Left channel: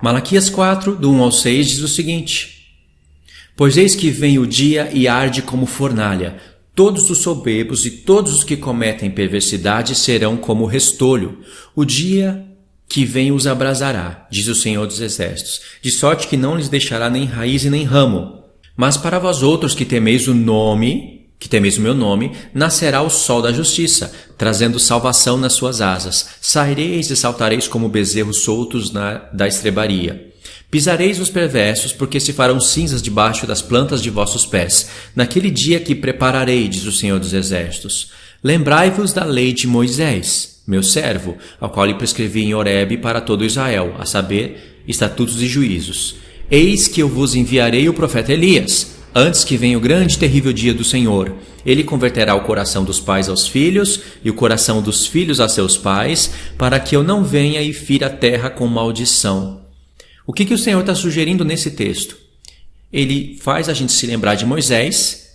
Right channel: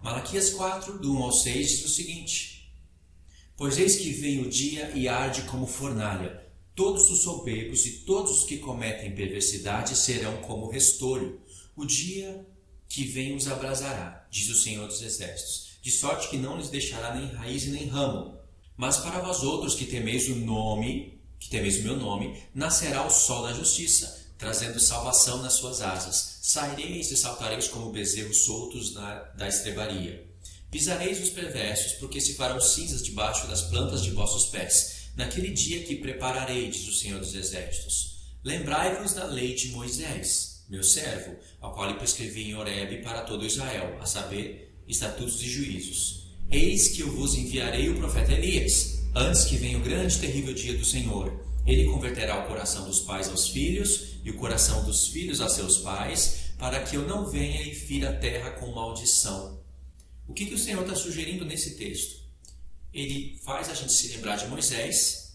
Malaquias 4, do 1 ao 6, diz o seguinte: Pois eis que vem o dia e arde como fornalha. Todos os soberbos e todos os que cometem perversidade serão como restolho. O dia que vem os abrasará, diz o Senhor dos Exércitos, de sorte que não lhes deixará nem raiz e nem ramo. Mas para vós outros que temeis o meu nome, nascerá o sol da justiça, trazendo salvação nas suas asas. Saireis e saltareis como bezerros soltos da estrebaria. Pisareis os perversos, porque se farão cinzas debaixo das plantas de vossos pés. Naquele dia que prepararei, diz o Senhor dos Exércitos. Lembrai-vos da lei de Moisés, meu servo, ao qual lhe prescrevi em Horebe para todo Israel, a saber, estatutos e juízos. Eis que eu vos enviarei o profeta Elias, antes que venha o grande e terrível dia do Senhor. Ele converterá o coração dos pais aos filhos e o coração dos filhos a seus pais, para que eu não venha e fira a terra com maldição. O que o Senhor está sugerindo nesse texto? Ele faz a gente se lembrar de Moisés,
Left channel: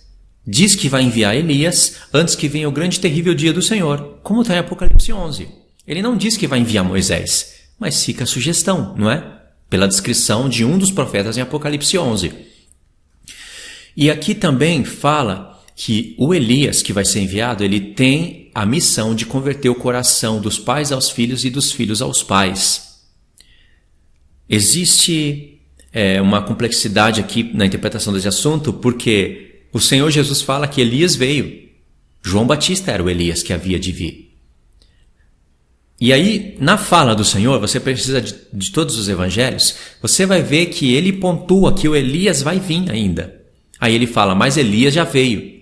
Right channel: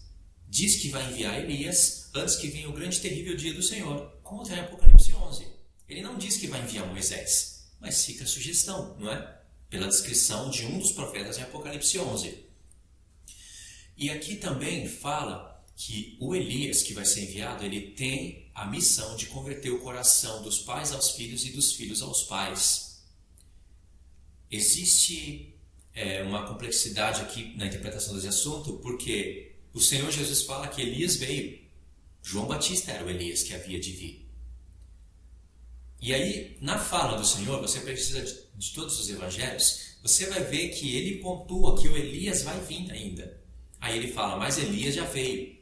diz que vai enviar Elias antes que venha o grande e terrível dia do Senhor, como está em Apocalipse 11. Ele não diz que vai enviar Moisés, mas fica a sugestão, não é? Pela descrição de um dos profetas em Apocalipse 11. E aqui também fala que o Elias que vai ser enviado, ele tem a missão de converter o coração dos pais aos filhos e dos filhos aos pais. Existe uma complexidade aqui na interpretação desse assunto, porque o Senhor Jesus fala que Elias veio. João Batista era o Elias que havia de vir. E aí, na fala do Senhor, você precisa de todos os evangelhos, você vai ver que ele pontua que o Elias vai vir ainda. Aí ele fala, mas Elias já veio.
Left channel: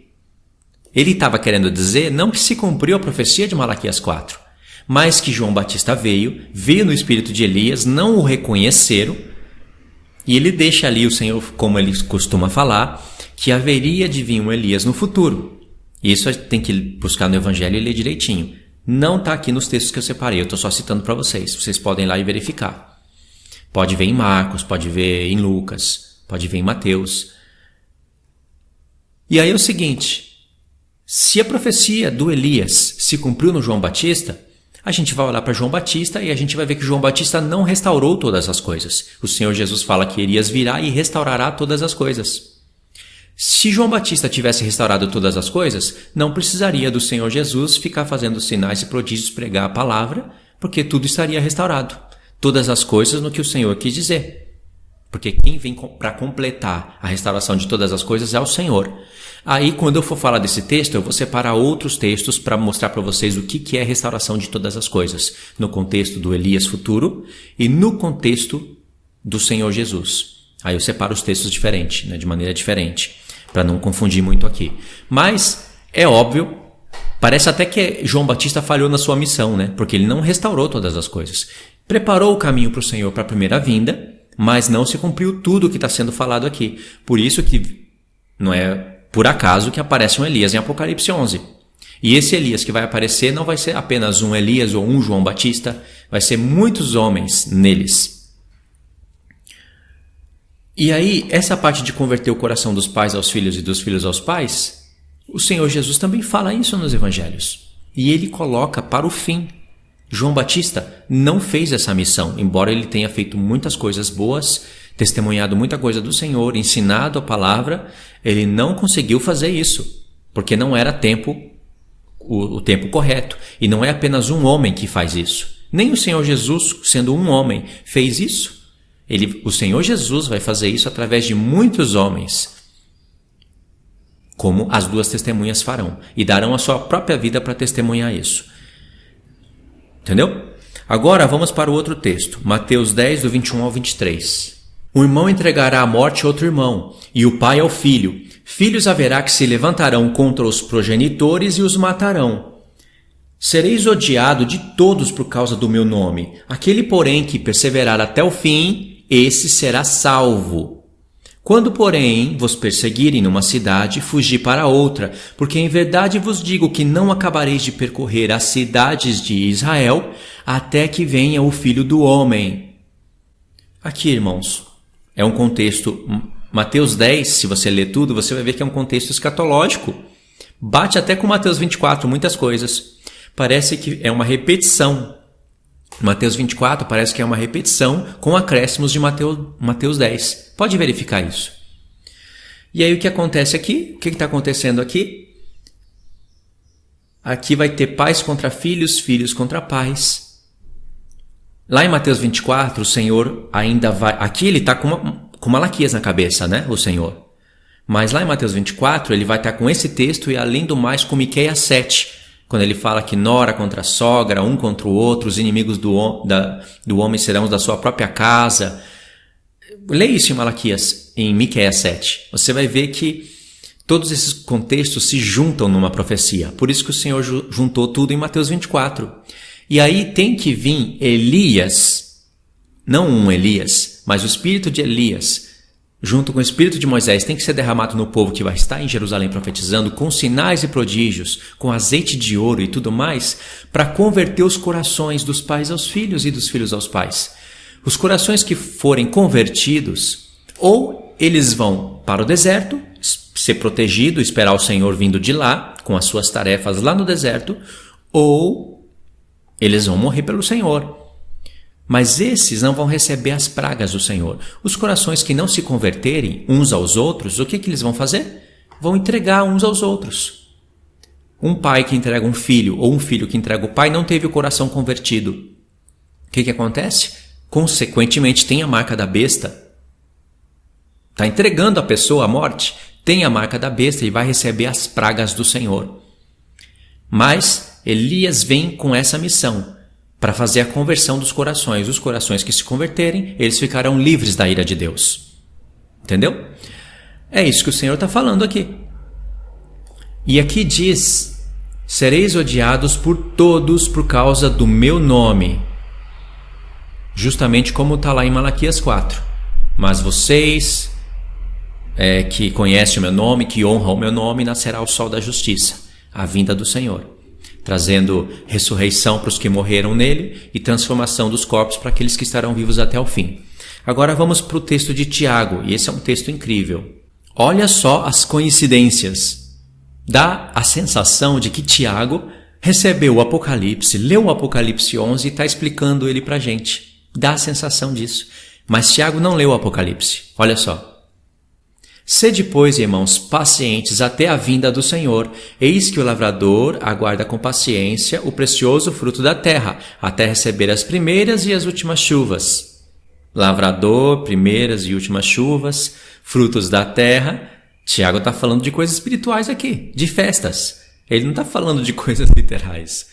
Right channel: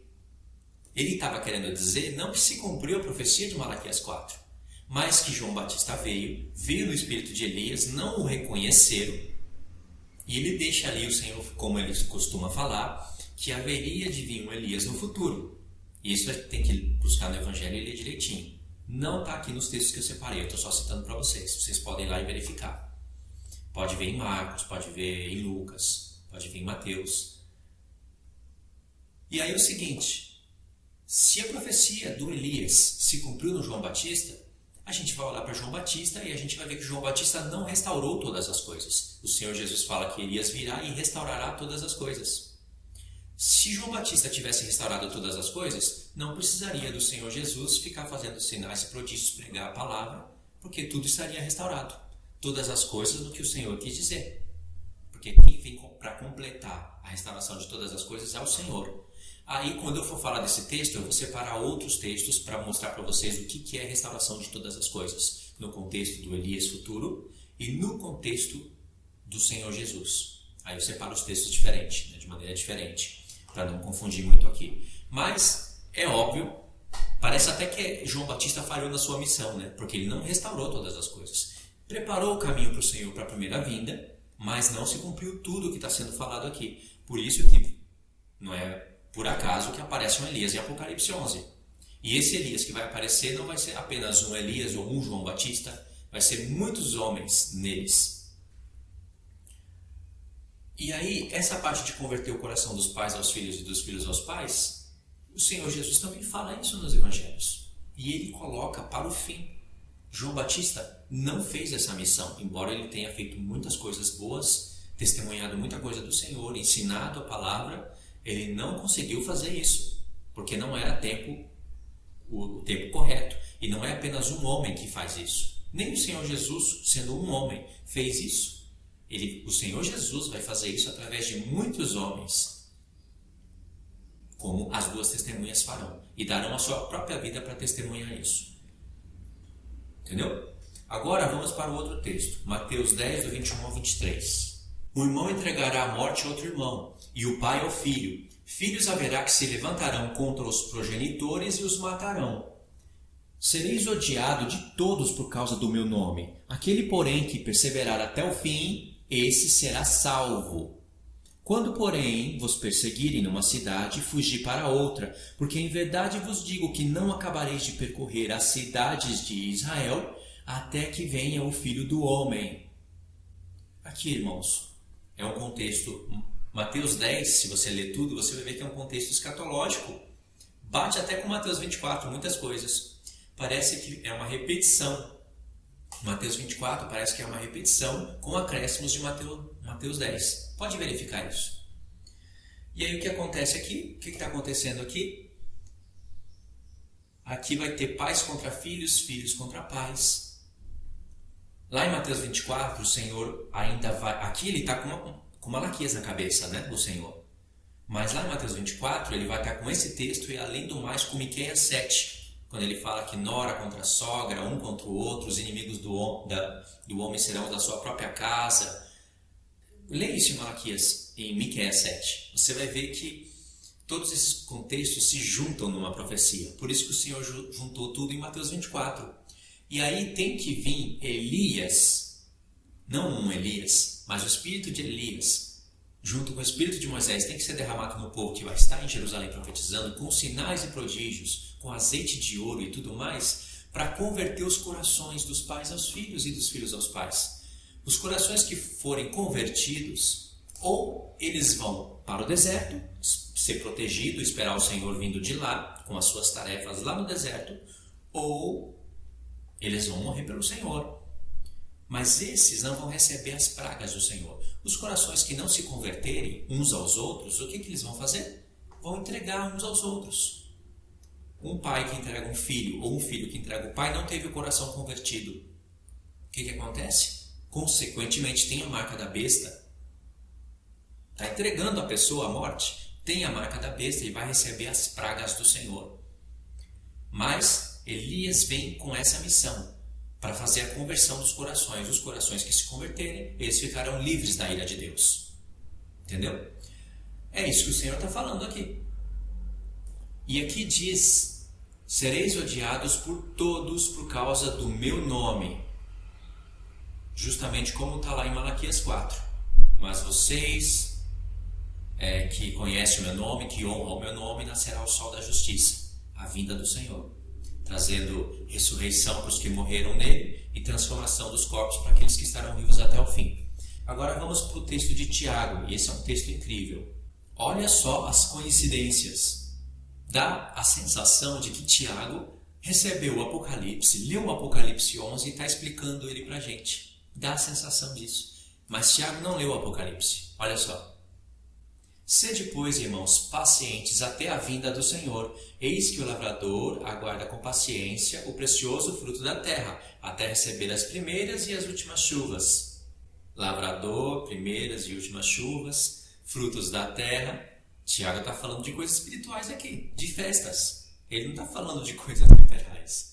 Ele estava querendo dizer, não que se cumpriu a profecia de Malaquias 4, mas que João Batista veio no espírito de Elias, não o reconheceram, e ele deixa ali o Senhor, como ele costuma falar, que haveria de vir um Elias no futuro. Isso a gente tem que buscar no Evangelho e ler direitinho. Não está aqui nos textos que eu separei, eu estou só citando para vocês. Vocês podem ir lá e verificar. Pode ver em Marcos, pode ver em Lucas, pode ver em Mateus. E aí é o seguinte, se a profecia do Elias se cumpriu no João Batista, a gente vai olhar para João Batista e a gente vai ver que João Batista não restaurou todas as coisas. O Senhor Jesus fala que Elias virá e restaurará todas as coisas. Se João Batista tivesse restaurado todas as coisas, não precisaria do Senhor Jesus ficar fazendo sinais e prodígios, pregar a palavra, porque tudo estaria restaurado. Todas as coisas no que o Senhor quis dizer. Porque quem vem para completar a restauração de todas as coisas é o Senhor. Aí, quando eu for falar desse texto, eu vou separar outros textos para mostrar para vocês o que é restauração de todas as coisas, no contexto do Elias futuro e no contexto do Senhor Jesus. Aí eu separo os textos diferentes, de maneira diferente, para não confundir muito aqui. Mas, é óbvio, parece até que João Batista falhou na sua missão, porque ele não restaurou todas as coisas. Preparou o caminho para o Senhor para a primeira vinda, mas não se cumpriu tudo o que está sendo falado aqui. Por isso que não é por acaso que aparece um Elias em Apocalipse 11. E esse Elias que vai aparecer não vai ser apenas um Elias ou um João Batista, vai ser muitos homens neles. E aí, essa parte de converter o coração dos pais aos filhos e dos filhos aos pais, o Senhor Jesus também fala isso nos evangelhos. E ele coloca para o fim. João Batista não fez essa missão, embora ele tenha feito muitas coisas boas, testemunhado muita coisa do Senhor, ensinado a palavra, ele não conseguiu fazer isso, porque não era o tempo correto. E não é apenas um homem que faz isso. Nem o Senhor Jesus, sendo um homem, fez isso. O Senhor Jesus vai fazer isso através de muitos homens, como as duas testemunhas farão, e darão a sua própria vida para testemunhar isso. Entendeu? Agora vamos para o outro texto, Mateus 10, do 21 ao 23. O irmão entregará à morte outro irmão, e o pai ao filho. Filhos haverá que se levantarão contra os progenitores e os matarão. Sereis odiado de todos por causa do meu nome. Aquele, porém, que perseverar até o fim, esse será salvo. Quando, porém, vos perseguirem numa cidade, fugi para outra, porque em verdade vos digo que não acabareis de percorrer as cidades de Israel, até que venha o Filho do Homem. Aqui, irmãos, é um contexto, Mateus 10, se você ler tudo, você vai ver que é um contexto escatológico. Bate até com Mateus 24, muitas coisas. Parece que é uma repetição Mateus 24 parece que é uma repetição com acréscimos de Mateus 10. Pode verificar isso. E aí o que acontece aqui? O que está acontecendo aqui? Aqui vai ter pais contra filhos, filhos contra pais. Lá em Mateus 24, o Senhor ainda vai... Aqui ele está com Malaquias na cabeça, né? O Senhor. Mas lá em Mateus 24, ele vai estar com esse texto e além do mais com Miqueias 7, quando ele fala que nora contra sogra, um contra o outro, os inimigos do homem serão os da sua própria casa. Leia isso em Miqueias 7. Você vai ver que todos esses contextos se juntam numa profecia. Por isso que o Senhor juntou tudo em Mateus 24. E aí tem que vir Elias, não um Elias, mas o espírito de Elias, junto com o espírito de Moisés, tem que ser derramado no povo que vai estar em Jerusalém profetizando, com sinais e prodígios, com azeite de ouro e tudo mais, para converter os corações dos pais aos filhos e dos filhos aos pais. Os corações que forem convertidos, ou eles vão para o deserto, ser protegido, esperar o Senhor vindo de lá, com as suas tarefas lá no deserto, ou eles vão morrer pelo Senhor. Mas esses não vão receber as pragas do Senhor. Os corações que não se converterem uns aos outros, o que eles vão fazer? Vão entregar uns aos outros. Um pai que entrega um filho, ou um filho que entrega o pai, não teve o coração convertido. O que acontece? Consequentemente, tem a marca da besta. Está entregando a pessoa à morte, tem a marca da besta e vai receber as pragas do Senhor. Mas Elias vem com essa missão, para fazer a conversão dos corações. Os corações que se converterem, eles ficarão livres da ira de Deus. Entendeu? É isso que o Senhor está falando aqui. E aqui diz: sereis odiados por todos por causa do meu nome. Justamente como está lá em Malaquias 4. Mas vocês, que conhecem o meu nome, que honram o meu nome, nascerá o sol da justiça, a vinda do Senhor, trazendo ressurreição para os que morreram nele e transformação dos corpos para aqueles que estarão vivos até o fim. Agora vamos para o texto de Tiago, e esse é um texto incrível. Olha só as coincidências. Dá a sensação de que Tiago recebeu o Apocalipse, leu o Apocalipse 11 e está explicando ele para a gente. Dá a sensação disso. Mas Tiago não leu o Apocalipse. Olha só. Sede, pois, irmãos, pacientes até a vinda do Senhor. Eis que o lavrador aguarda com paciência o precioso fruto da terra, até receber as primeiras e as últimas chuvas. Lavrador, primeiras e últimas chuvas, frutos da terra. Tiago está falando de coisas espirituais aqui, de festas. Ele não está falando de coisas literais.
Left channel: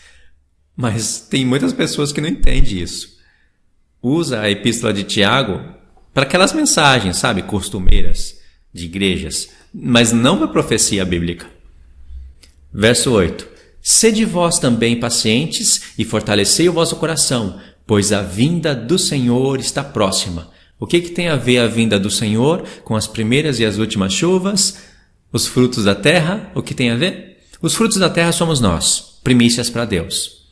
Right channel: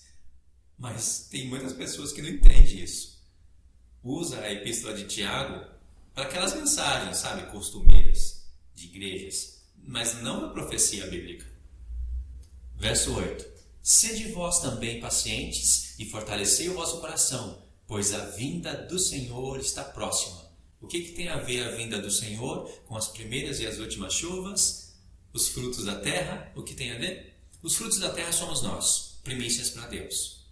Mas tem muitas pessoas que não entendem isso. Usa a epístola de Tiago para aquelas mensagens, sabe, costumeiras de igrejas, mas não para a profecia bíblica. Verso 8. Sede vós também pacientes e fortalecei o vosso coração, pois a vinda do Senhor está próxima. O que tem a ver a vinda do Senhor com as primeiras e as últimas chuvas, os frutos da terra? O que tem a ver? Os frutos da terra somos nós, primícias para Deus.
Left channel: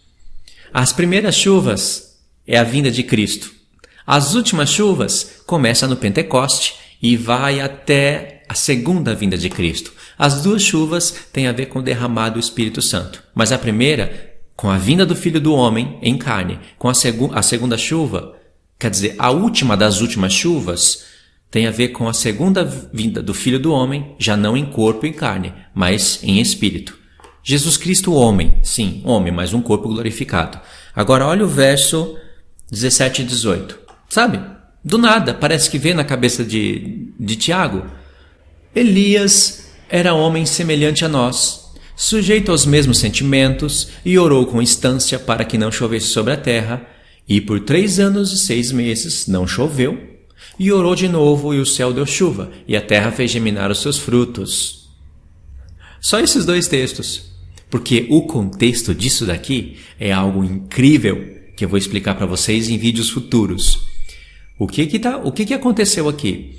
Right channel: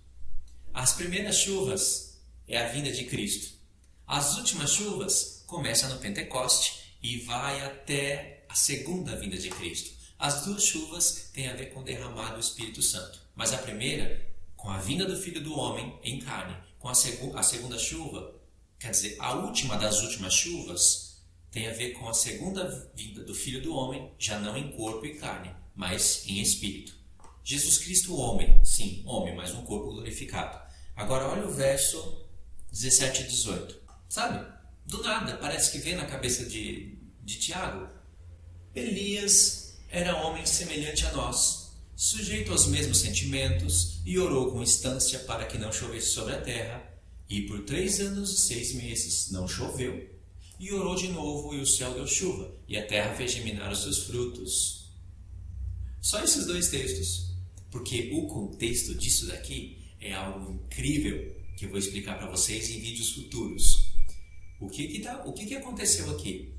As primeiras chuvas é a vinda de Cristo. As últimas chuvas começam no Pentecoste e vai até a segunda vinda de Cristo. As duas chuvas têm a ver com o derramado do Espírito Santo. Mas a primeira, com a vinda do Filho do Homem em carne. Com a segunda chuva, quer dizer, a última das últimas chuvas, tem a ver com a segunda vinda do Filho do Homem, já não em corpo e carne, mas em espírito. Jesus Cristo, homem, sim, homem, mas um corpo glorificado. Agora olha o verso 17 e 18. Sabe? Do nada, parece que vê na cabeça de Tiago. Elias era homem semelhante a nós, sujeito aos mesmos sentimentos, e orou com instância para que não chovesse sobre a terra, e por 3 anos e 6 meses não choveu, e orou de novo, e o céu deu chuva, e a terra fez germinar os seus frutos. Só esses 2 textos, porque o contexto disso daqui é algo incrível, que eu vou explicar para vocês em vídeos futuros. O que aconteceu aqui?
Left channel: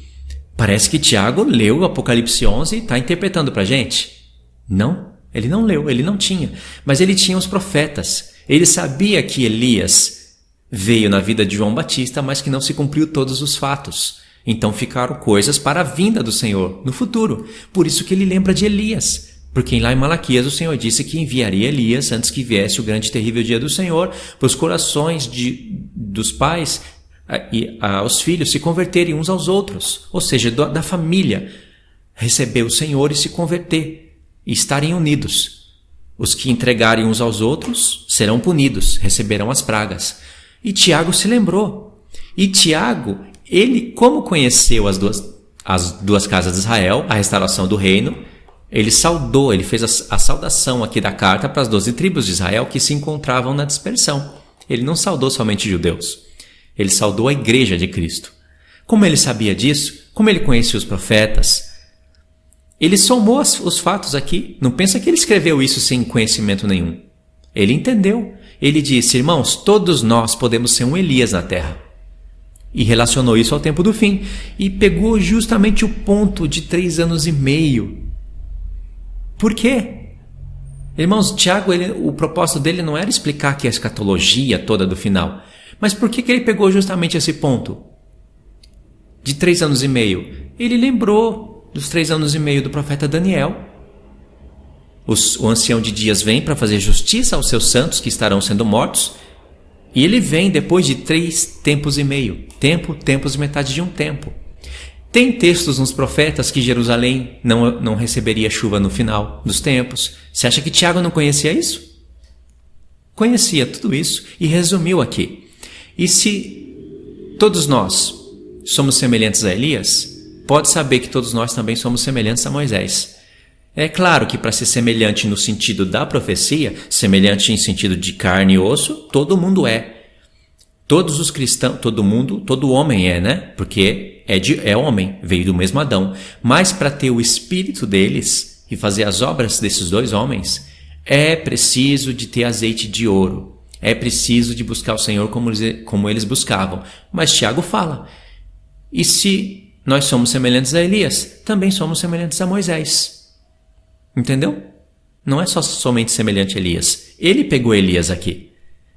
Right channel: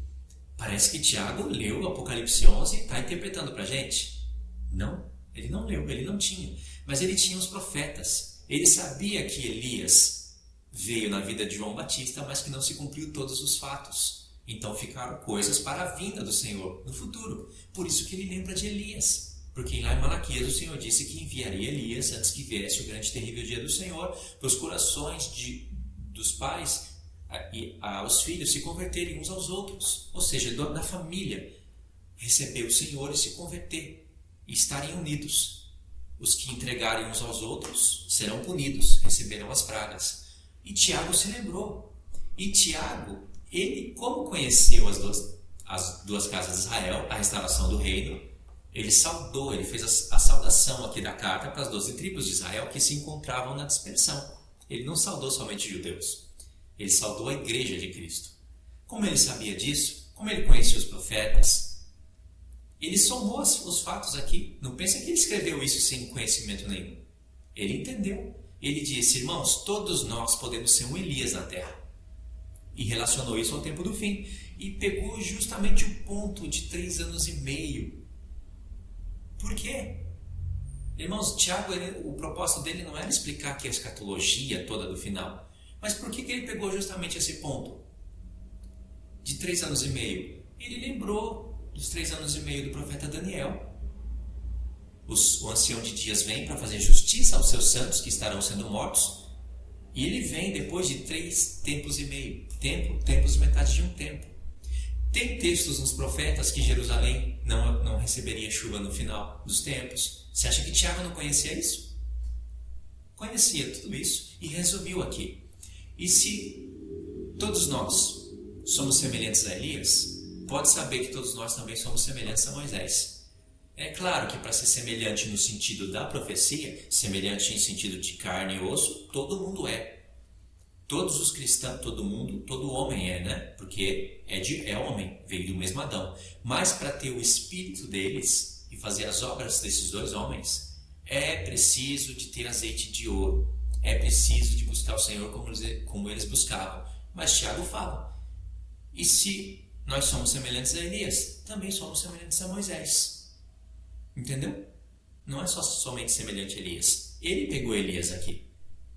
Parece que Tiago leu o Apocalipse 11 e está interpretando para a gente. Não, ele não leu, ele não tinha. Mas ele tinha os profetas. Ele sabia que Elias veio na vida de João Batista, mas que não se cumpriu todos os fatos. Então ficaram coisas para a vinda do Senhor no futuro. Por isso que ele lembra de Elias. Porque lá em Malaquias o Senhor disse que enviaria Elias antes que viesse o grande e terrível dia do Senhor, para os corações dos pais e aos filhos se converterem uns aos outros, ou seja, da família, receber o Senhor e se converter, e estarem unidos. Os que entregarem uns aos outros serão punidos, receberão as pragas. E Tiago se lembrou. E Tiago, ele, como conheceu as duas casas de Israel, a restauração do reino, ele saudou, ele fez a saudação aqui da carta para as 12 tribos de Israel que se encontravam na dispersão. Ele não saudou somente judeus. Ele saudou a igreja de Cristo. Como ele sabia disso? Como ele conhecia os profetas? Ele somou os fatos aqui. Não pensa que ele escreveu isso sem conhecimento nenhum. Ele entendeu. Ele disse, irmãos, todos nós podemos ser um Elias na terra. E relacionou isso ao tempo do fim. E pegou justamente o ponto de 3 anos e meio. Por quê? Irmãos, Tiago, o propósito dele não era explicar aqui a escatologia toda do final. Mas por que ele pegou justamente esse ponto? De 3 anos e meio. Ele lembrou dos 3 anos e meio do profeta Daniel. O ancião de dias vem para fazer justiça aos seus santos que estarão sendo mortos. E ele vem depois de 3 tempos e meio. Tempos e metade de um tempo. Tem textos nos profetas que Jerusalém não receberia chuva no final dos tempos. Você acha que Tiago não conhecia isso? Conhecia tudo isso e resumiu aqui. E se todos nós somos semelhantes a Elias, pode saber que todos nós também somos semelhantes a Moisés. É claro que para ser semelhante no sentido da profecia, semelhante em sentido de carne e osso, todo mundo é. Todos os cristãos, todo homem é, né? Porque é homem, veio do mesmo Adão. Mas para ter o espírito deles e fazer as obras desses 2 homens, é preciso de ter azeite de ouro. É preciso de buscar o Senhor como eles buscavam. Mas Tiago fala, e se nós somos semelhantes a Elias, também somos semelhantes a Moisés. Entendeu? Não é somente semelhante a Elias. Ele pegou Elias aqui.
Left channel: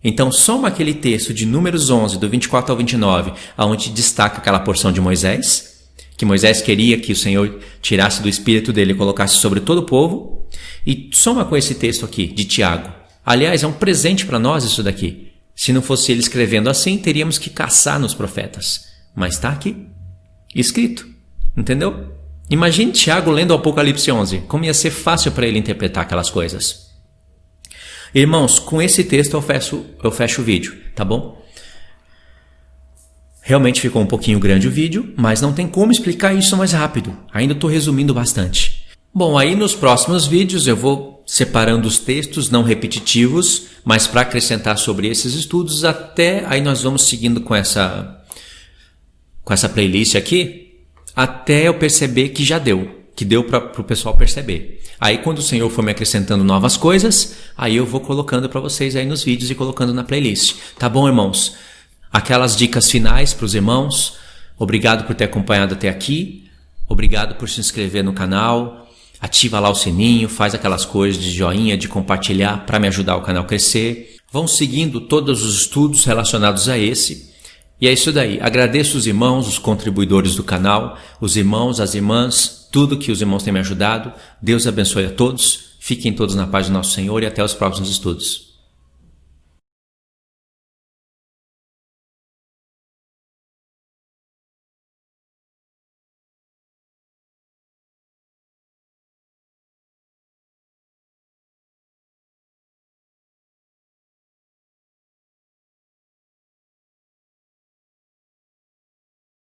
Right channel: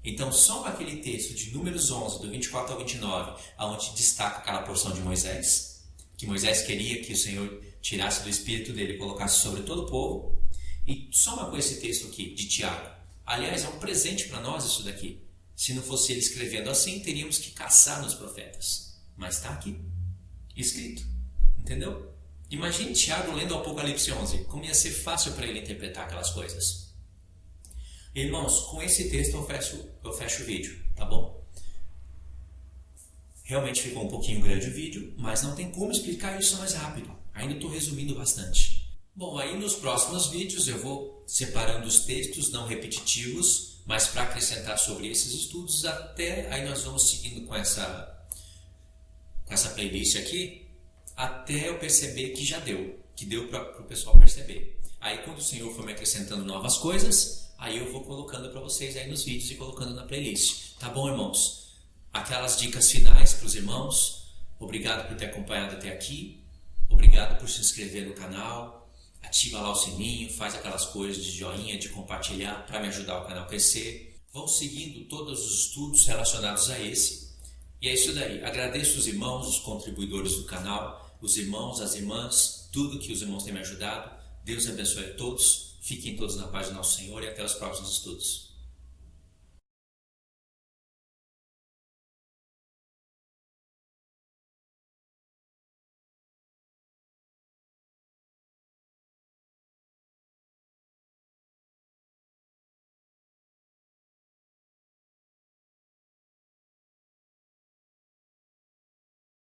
Então, soma aquele texto de Números 11, do 24 ao 29, onde destaca aquela porção de Moisés, que Moisés queria que o Senhor tirasse do espírito dele e colocasse sobre todo o povo, e soma com esse texto aqui, de Tiago. Aliás, é um presente para nós isso daqui. Se não fosse ele escrevendo assim, teríamos que caçar nos profetas. Mas está aqui, escrito. Entendeu? Imagine Tiago lendo o Apocalipse 11, como ia ser fácil para ele interpretar aquelas coisas. Irmãos, com esse texto eu fecho o vídeo, tá bom? Realmente ficou um pouquinho grande o vídeo, mas não tem como explicar isso mais rápido. Ainda estou resumindo bastante. Bom, aí nos próximos vídeos eu vou separando os textos não repetitivos, mas para acrescentar sobre esses estudos, até aí nós vamos seguindo com essa playlist aqui, até eu perceber que já deu, que deu para o pessoal perceber. Aí quando o Senhor for me acrescentando novas coisas, aí eu vou colocando para vocês aí nos vídeos e colocando na playlist. Tá bom, irmãos? Aquelas dicas finais para os irmãos. Obrigado por ter acompanhado até aqui. Obrigado por se inscrever no canal. Ativa lá o sininho, faz aquelas coisas de joinha, de compartilhar para me ajudar o canal a crescer. Vão seguindo todos os estudos relacionados a esse. E é isso daí. Agradeço os irmãos, os contribuidores do canal, os irmãos, as irmãs, tudo que os irmãos têm me ajudado. Deus abençoe a todos. Fiquem todos na paz do nosso Senhor e até os próximos estudos.